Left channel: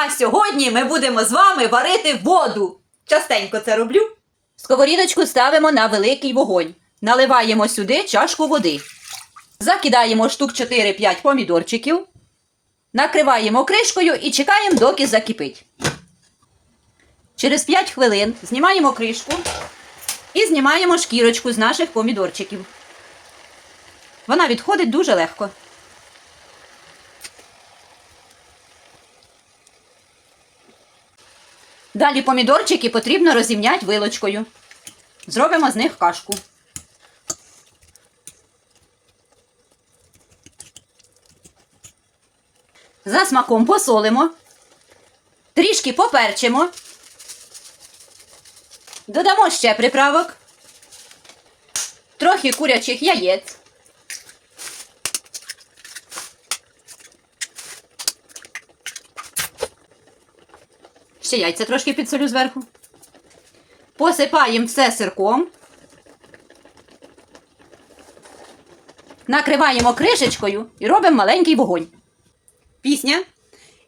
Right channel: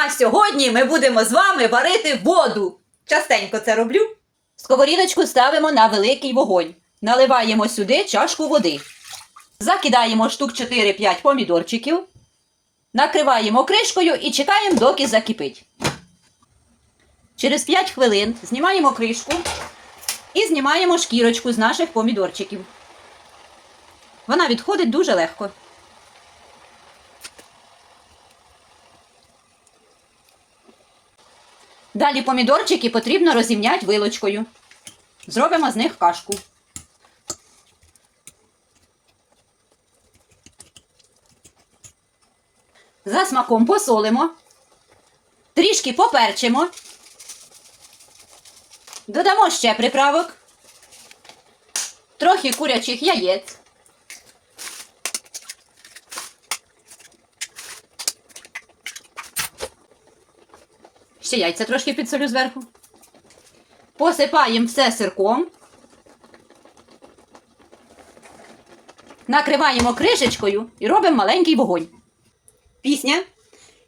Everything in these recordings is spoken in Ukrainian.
А сьогодні ми будемо з вами варити воду. Частенько це роблю. Сковорідочку ставимо на великий вогонь. Наливаємо сюди чашку води. Закидаємо штук 4-5 помідорчиків. Накриваємо кришкою і чекаємо, доки закипить. Через 5 хвилин знімаємо кришку і знімаємо шкірочку з наших помідорчиків. Вона відходить дуже легко. Далі помідорчики потрібно розімняти вилочкою. Зробимо з них кашку. За смаком посолимо. Трішки поперчимо. Додамо ще приправок. Трохи курячих яєць. Ще яйця трошки підсолю зверху. Посипаємо все сирком. Накриваємо кришечкою і робимо маленький вогонь. Пісня.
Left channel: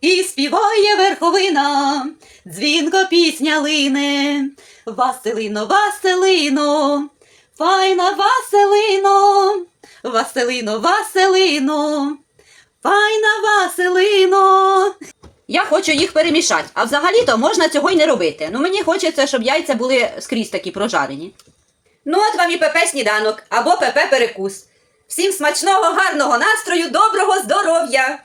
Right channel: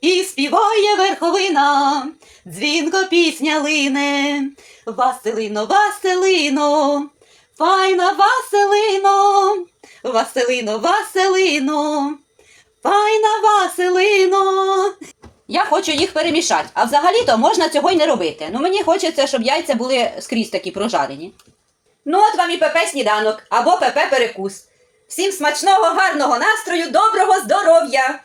І співає верховина, дзвінко пісня лине. Василино, Василино, файна Василино, Василино, Василино, файна Василино. Я хочу їх перемішати, а взагалі-то можна цього й не робити. Ну мені хочеться, щоб яйця були скрізь такі прожарені. Ну, от вам і ПП сніданок або ПП перекус. Всім смачного, гарного настрою, доброго здоров'я!